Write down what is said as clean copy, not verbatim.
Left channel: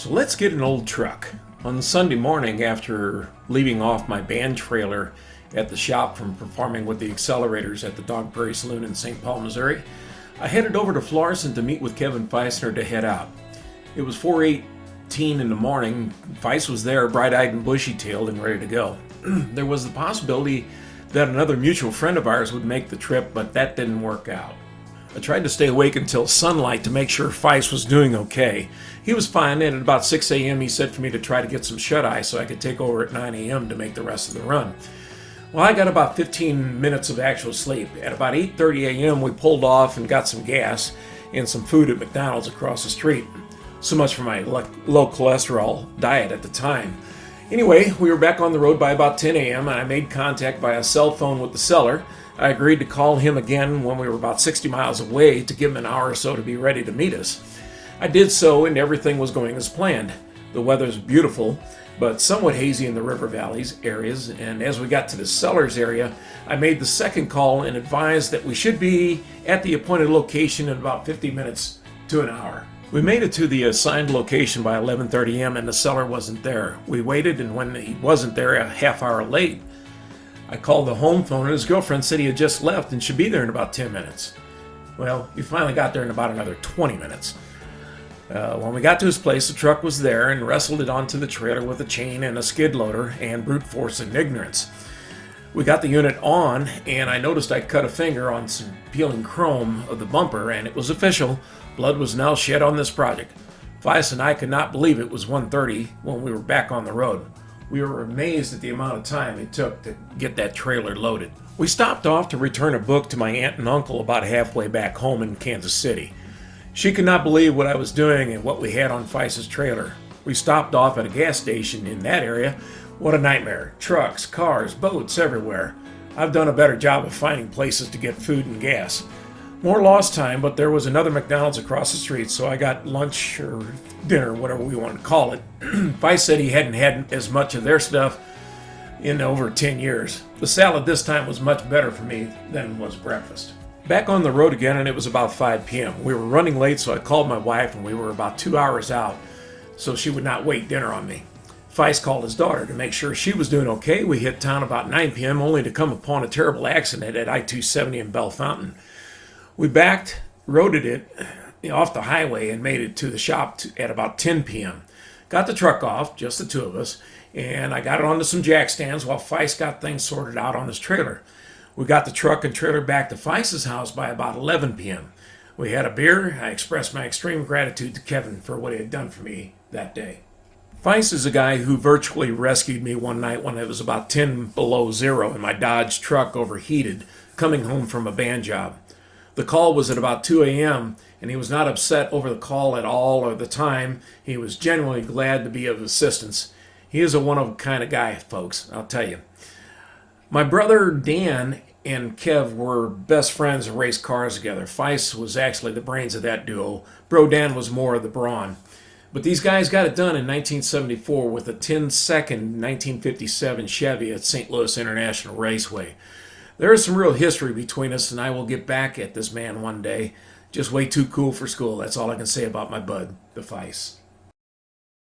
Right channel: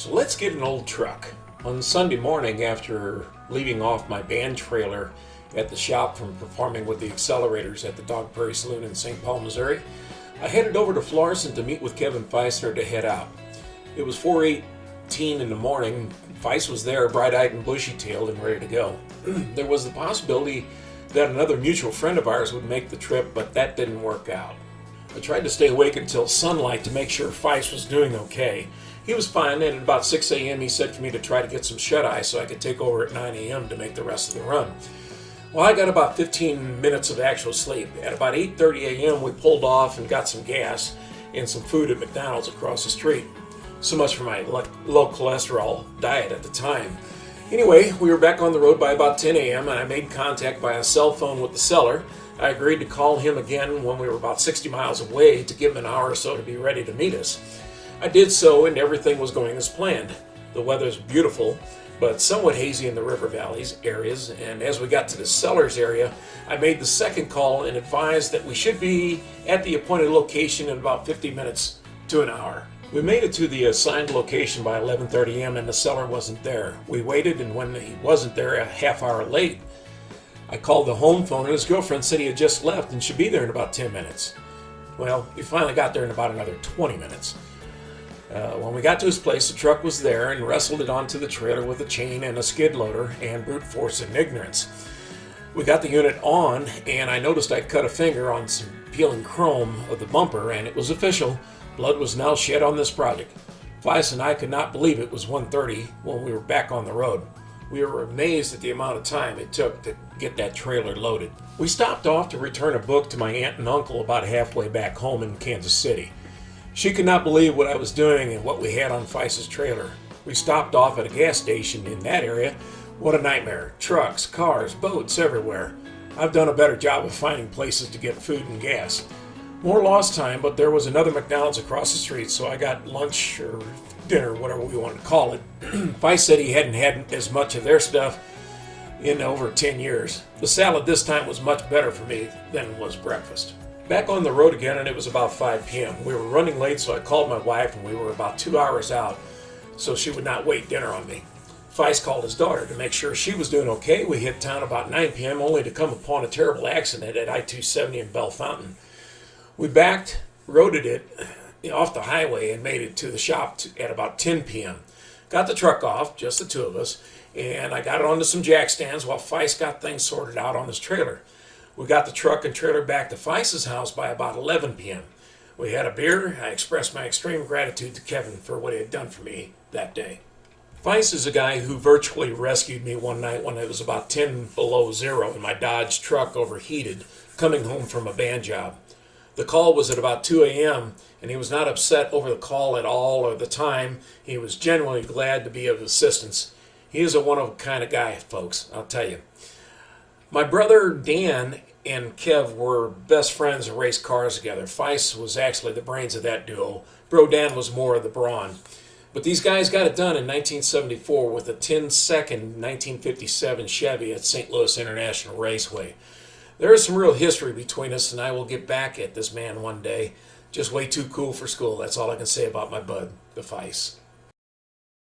So let's get an old truck. On Sunday morning, after leaving off my band trailer at the shop from performing with the Accelerators at the Dog Prairie Saloon in St. Paul, Missouri, I headed over to Florissant to meet with Kevin Feisner to head out. It was 4:18 in the morning. Feist was there, bright-eyed and bushy-tailed and ready to go. There was the possibility that another mutual friend of ours would make the trip, but that didn't work out. I tried to stay awake until sunlight to make sure Feist was doing okay. He was fine, and at about 6 a.m. he said for me to try to get some shut-eye so I could take over at 9 a.m. to make the rest of the run. Well, I got about 15 minutes of actual sleep. At about 8:30 a.m. we pulled off and got some gas and some food at McDonald's across the street. So much for my low cholesterol diet at the time. Anyway, we were back on the road by about 10 a.m. and I made contact by a cell phone with the seller. I agreed to call him again when we were about 60 miles away to give him an hour or so to be ready to meet us. I did so, and everything was going as planned. The weather's beautiful, but somewhat hazy in the river valleys areas, and as we got to the seller's area, I made the second call and advised that we should be at the appointed location in about 50 minutes to an hour. We made it to the assigned location by 11:30 a.m. and the seller wasn't there. We waited, and when he wasn't there, a half hour late, I called the home phone and his girlfriend said he had just left and should be there in about 10 minutes. Well, he finally got there in about another 20 minutes. When we got to his place, the truck was there and wrestled it onto the trailer with a chain and a skid loader and brute force and ignorance. We got the unit on, and I noticed I cut a finger on some peeling chrome of the bumper, and it was official. Blood was now shed on this project. Feist and I could not believe it was 1:30 when we were back on the road. We were amazed at the amount of time it took to get that trailer loaded. We stopped off to return a book to my aunt and uncle about halfway back home in Kansas City. She could not believe what I was doing and what we had on Feist's trailer. We stopped off at a gas station in that area. What a nightmare. Trucks, cars, boats everywhere. I've done a better job of finding places to get food and gas. More lost time, but there was another McDonald's across the street, so I got lunch or dinner, whatever we want to call it. Feist said he hadn't had as much of their stuff in over 10 years. The salad this time was much better for me than was breakfast. Back on the road again, and it was about 5 p.m. We were running late, so I called my wife, and we were about 2 hours out, so she would not wait dinner on me. Feist called his daughter to make sure she was doing okay. We hit town about 9 p.m., only to come upon a terrible accident at I-270 in Bell Fountain. We backed, roaded it off the highway, and made it to the shop at about 10 p.m. Got the truck off, just the two of us, and I got it onto some jack stands while Feist got things sorted out on his trailer. We got the truck and trailer back to Feist's house by about 11 p.m. We had a beer. I expressed my extreme gratitude to Kevin for what he had done for me that day. Feist is a guy who virtually rescued me one night when it was about 10 below zero and my Dodge truck overheated, coming home from a band job. The call was at about 2 a.m., and he was not upset over the call at all or the time. He was genuinely glad to be of assistance. He is a one-of-a-kind of guy, folks, I'll tell you. My brother Dan and Kev were best friends and raced cars together. Feist was actually the brains of that duo. Bro Dan was more of the brawn. But these guys got it done in 1974 with a 10-second 1957 Chevy at St. Louis International Raceway. There is some real history between us, and I will get back at this man one day. Just way too cool for school. That's all I can say about my bud, the Feist.